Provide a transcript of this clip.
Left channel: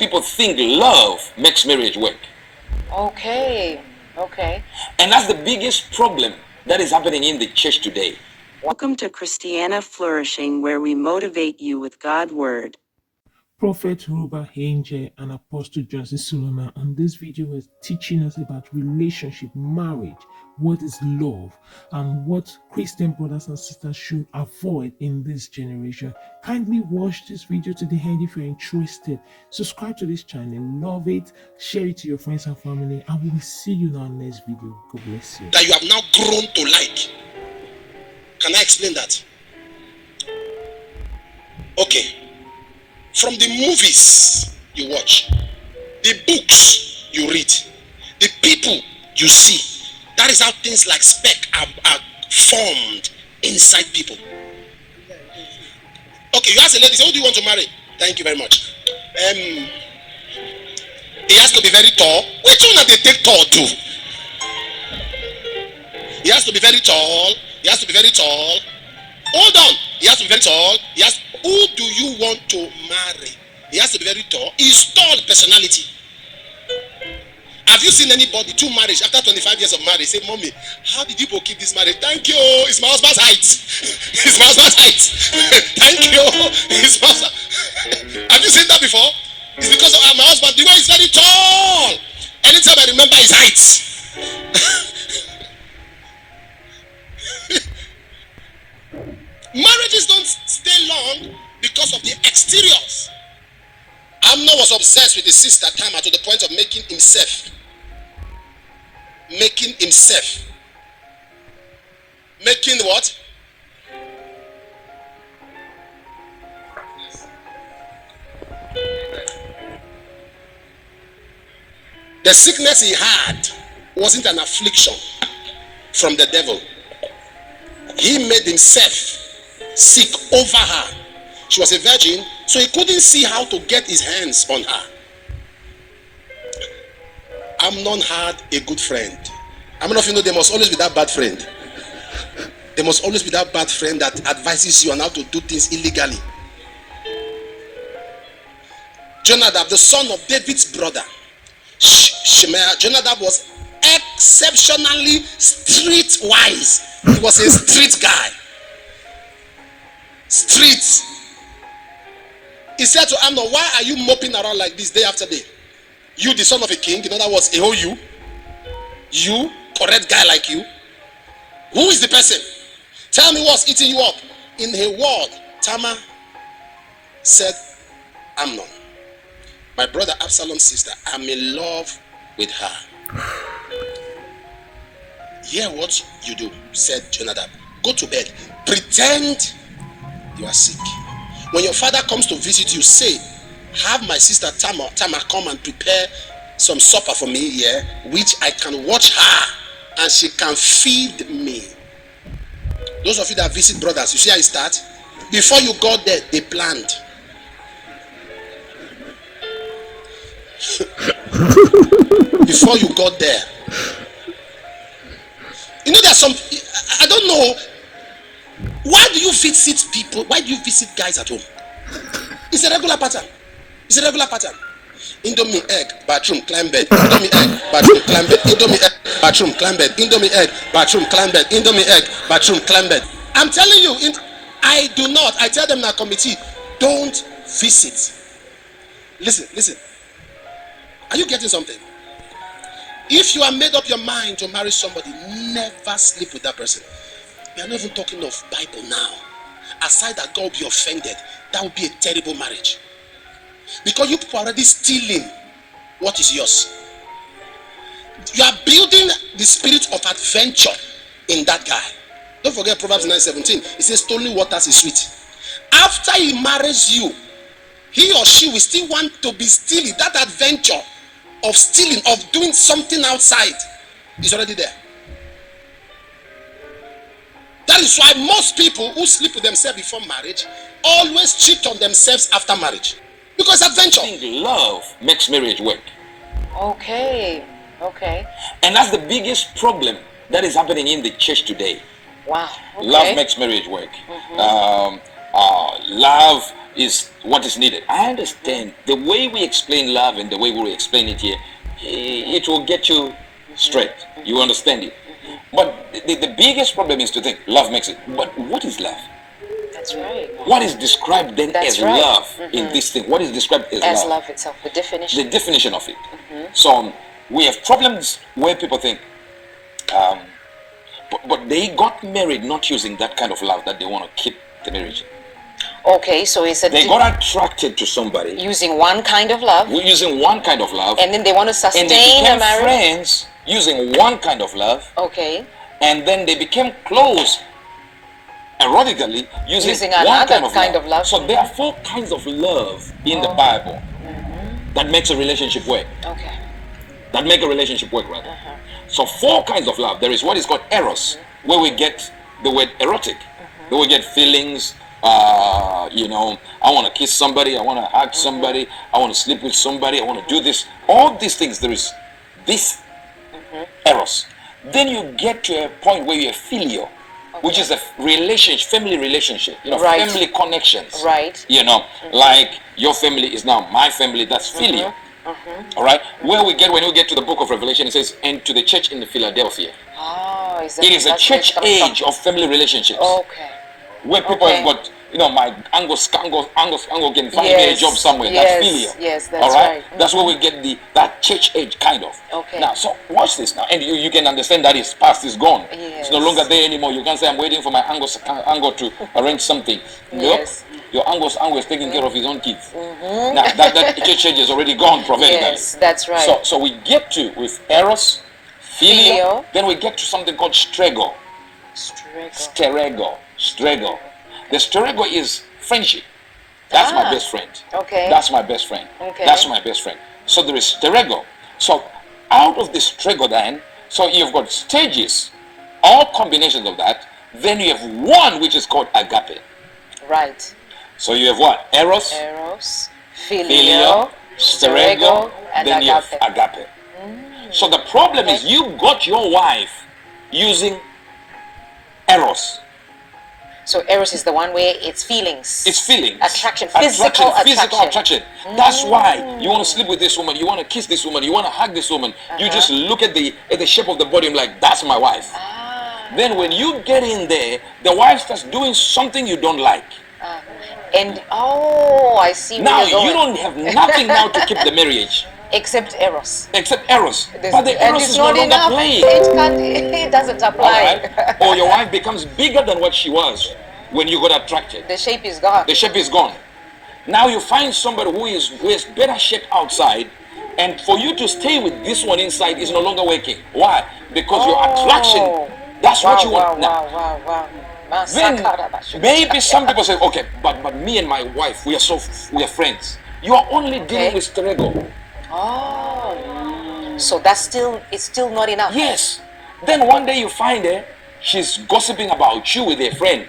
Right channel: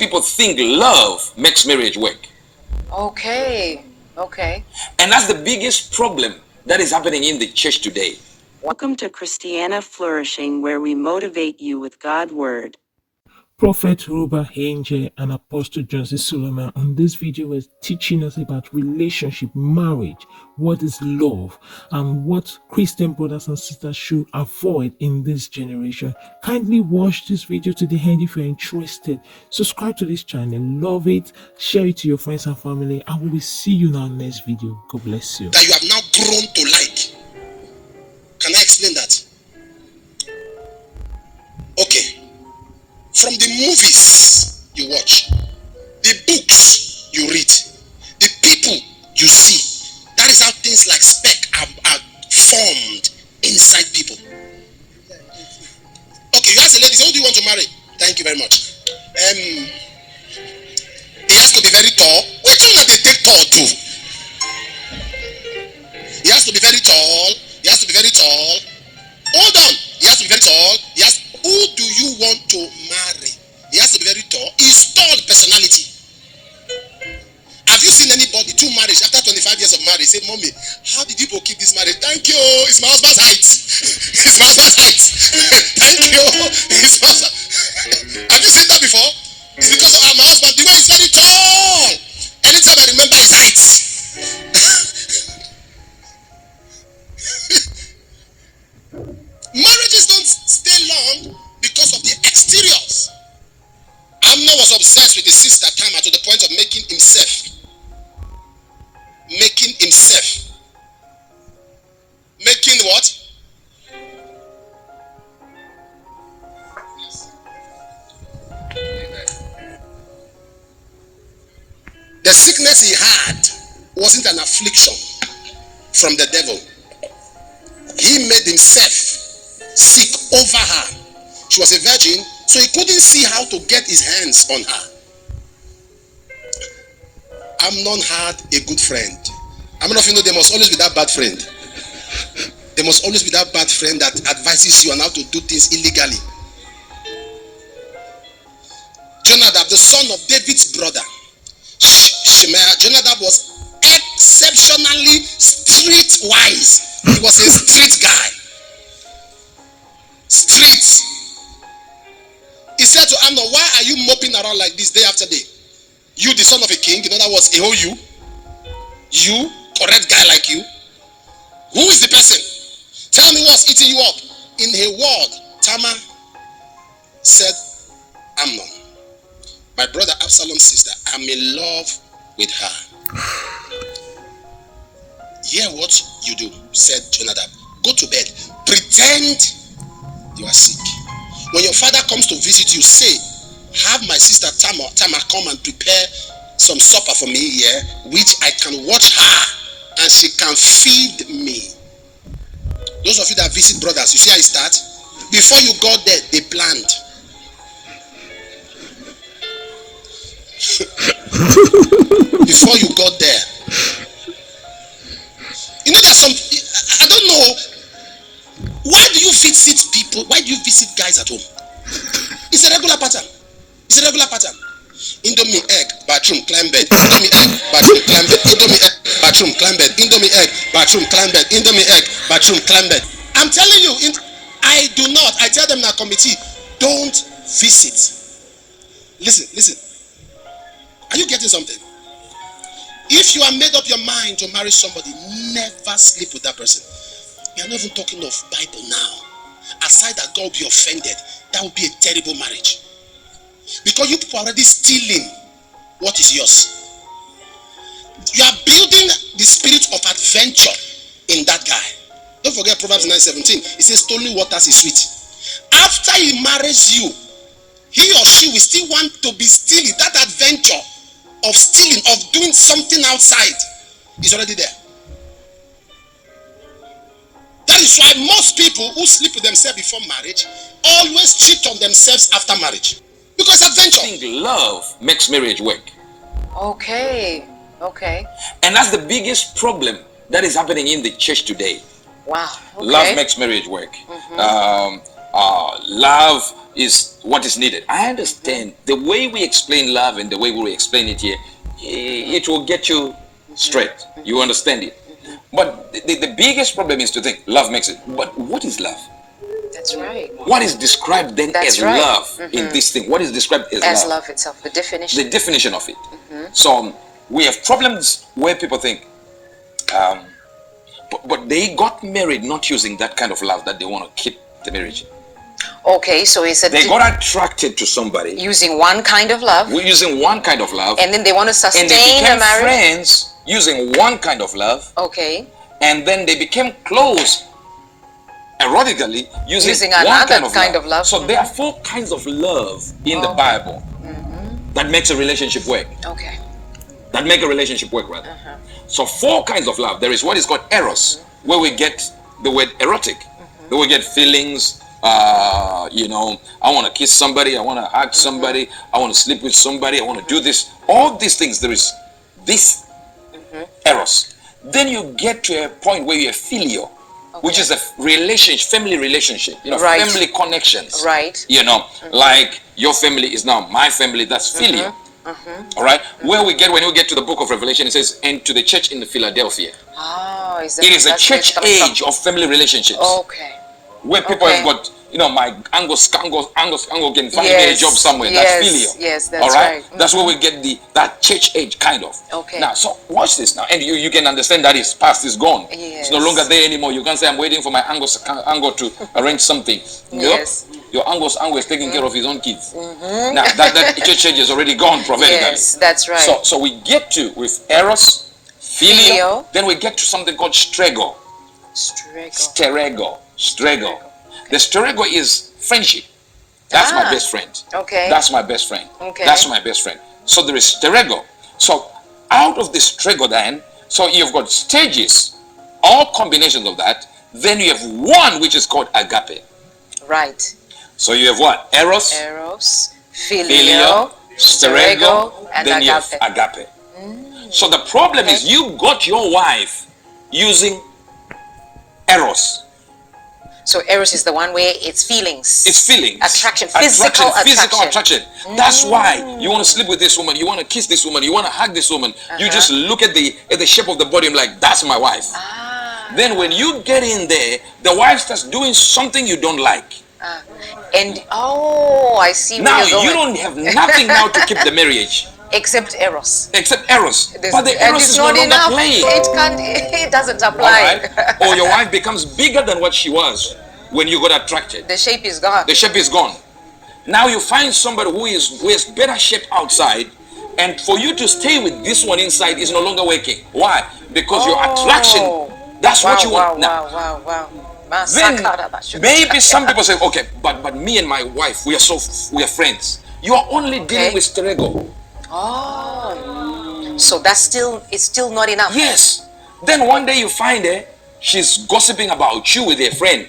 people think love makes marriage work. Okay. And that's the biggest problem that is happening in the church today. Welcome to Christiana Flourishing, where we motivate you with God's Word. Prophet Robert Angel and Apostle Johnson Suleman on this video was teaching us about relationship, marriage, what is love, and what Christian brothers and sisters should avoid in this generation. Kindly watch this video to the end if you're interested. Subscribe to this channel, love it, share it to your friends and family, and we will see you in our next video. God bless you. That you have now grown to like. Can I explain that? Okay. From the movies you watch, the books you read, the people you see, that is how things like spec are formed inside people. Okay, you ask a lady, say, who do you want to marry? Thank you very much. He has to be very tall. Which one that they take tall to? He has to be very tall. He has to be very tall. Hold on. He has to be very tall. Who do you want to marry? He has to be very tall. He's tall personality. Have you seen anybody, two marriage, after 25 years of marriage, say, Mommy, how did people keep this marriage? Thank you. It's my husband's height. It's my husband's height. Thank you. It's my husband. Have you seen that before? It's because of my husband. The way he's very tall. Anytime I remember his height. Marriages don't stay long because of the exteriors. Amnon was obsessed with his sister Tamar to the point of making himself. Making what? The sickness he had wasn't an affliction from the devil. He made himself sick over her. She was a virgin, so he couldn't see how to get his hands on her. Amnon had a good friend. How many of you know there must always be that bad friend? There must always be that bad friend that advises you on how to do things illegally. Jonadab, the son of David's brother, Shemaiah, Jonadab was exceptionally streetwise. He was a street guy. Street. He said to Amnon, why are you moping around like this day after day? You, the son of a king, in other words, a whole you, correct guy like you. Who is the person? Tell me what's eating you up. In a word, Tamar said, Amnon, my brother Absalom's sister, I'm in love with her. Hear what you do, said Jonadab. Go to bed. Pretend you are sick. When your father comes to visit you, say, have my sister Tamar come and prepare some supper for me here, which I can watch her and she can feed me. Those of you that visit brothers, you see how it starts? Before you got there, they planned. Before you got there. You know, there's some, I don't know, why do you visit people, why do you visit guys at home? It's a regular pattern. It's a regular pattern. Indomie egg, bathroom, climb bed. Indomie egg, bathroom, climb bed. Indomie egg, bathroom, climb bed. Indomie egg, bathroom, climb bed. Indomie egg, bathroom, climb bed. I'm telling you, I tell them in our committee, don't visit. Listen. Are you getting something? If you have made up your mind to marry somebody, never sleep with that person. We are not even talking of Bible now. Aside that God will be offended, that would be a terrible marriage. Because you people are already stealing what is yours. You are building the spirit of adventure in that guy. Don't forget Proverbs 9:17. It says stolen waters is sweet. After he marries you, he or she will still want to be stealing. That adventure of stealing, of doing something outside, is already there. That is why most people who sleep with themselves before marriage always cheat on themselves after marriage. Because adventure. I think love makes marriage work. Okay. And that's the biggest problem that is happening in the church today. Wow. Okay. Love makes marriage work. love is what is needed. I understand the way we explain love and the way we explain it here, it will get you straight. You understand it. But the biggest problem is to think love makes it. But what is love? That's right. What is described then That's as right. love in this thing? What is described as As love? love itself, the definition. The definition of it. So we have problems where people think, but they got married not using that kind of love that they want to keep the marriage. Okay, so it's They got attracted to somebody using one kind of love, using one kind of love, and then they want to sustain and they a became marriage. friends using one kind of love, Okay, and then they became close erotically using one another kind of love. So there are 4 kinds of love in the Bible that makes a relationship work. okay, That make a relationship work, rather. So 4 kinds of love. There is what is called eros, where we get the word erotic, where we get feelings. I want to kiss somebody, I want to hug somebody, I want to sleep with somebody, I want to do this. All these things, there is this eros. Then you get to a point where you're filial, which is a relationship, family relationship, Right. family connections. right. Like your family is now my family, that's filial. All right, when we get to the book of Revelation, it says, and to the church in Philadelphia. Oh, It is a church age of family relationships. Okay. Where people Okay. have got, my Angus can find me a job somewhere. Yes, That's filial. yes, that's all right. right. That's where we get that church age kind of. Okay. Now, so watch this now, and you can understand that is past, is gone. Yes. It's no longer there anymore. You can't say I'm waiting for my Angus to arrange something. Nope. Yes. Your Angus is taking care of his own kids. Now that church age is already gone prophetically. Yes, that's right. So we get to with eros, filial, Filial. then we get to something called strego. Strego. The strego is friendship. That's my best friend. Okay. That's my best friend. Okay. That's my best friend. So there is strego. So out of the strego then, so you've got stages, all combinations of that. Then you have one which is called agape. Right. So you have what? Eros, Eros, filial, filial, strego, and then you have agape. agape. So the problem is you got your wife using eros. So Eros is the one where it's feelings. It's feelings. Attraction, physical attraction. That's why you want to sleep with this woman, you want to kiss this woman, you want to hug this woman. You just look at the shape of the body and like, that's my wife. Then when you get in there, the wife starts doing something you don't like. And I see where Now you're going. you don't have nothing now to keep the marriage Except Eros. except eros. There's- But the and eros it's is no not longer enough. playing. It doesn't All apply. right? Or your wife becomes bigger than what she was when you got attracted. The shape is gone. The shape is gone. Now you find somebody who has better shape outside, and for you to stay with this one inside is no longer working. Why? Because your attraction, that's what you want. Now, Wow. then maybe some people say, okay, but me and my wife, we are friends. You are only dealing with strego. So it's still not enough. Yes. Then one day you find her, she's gossiping about you with her friends.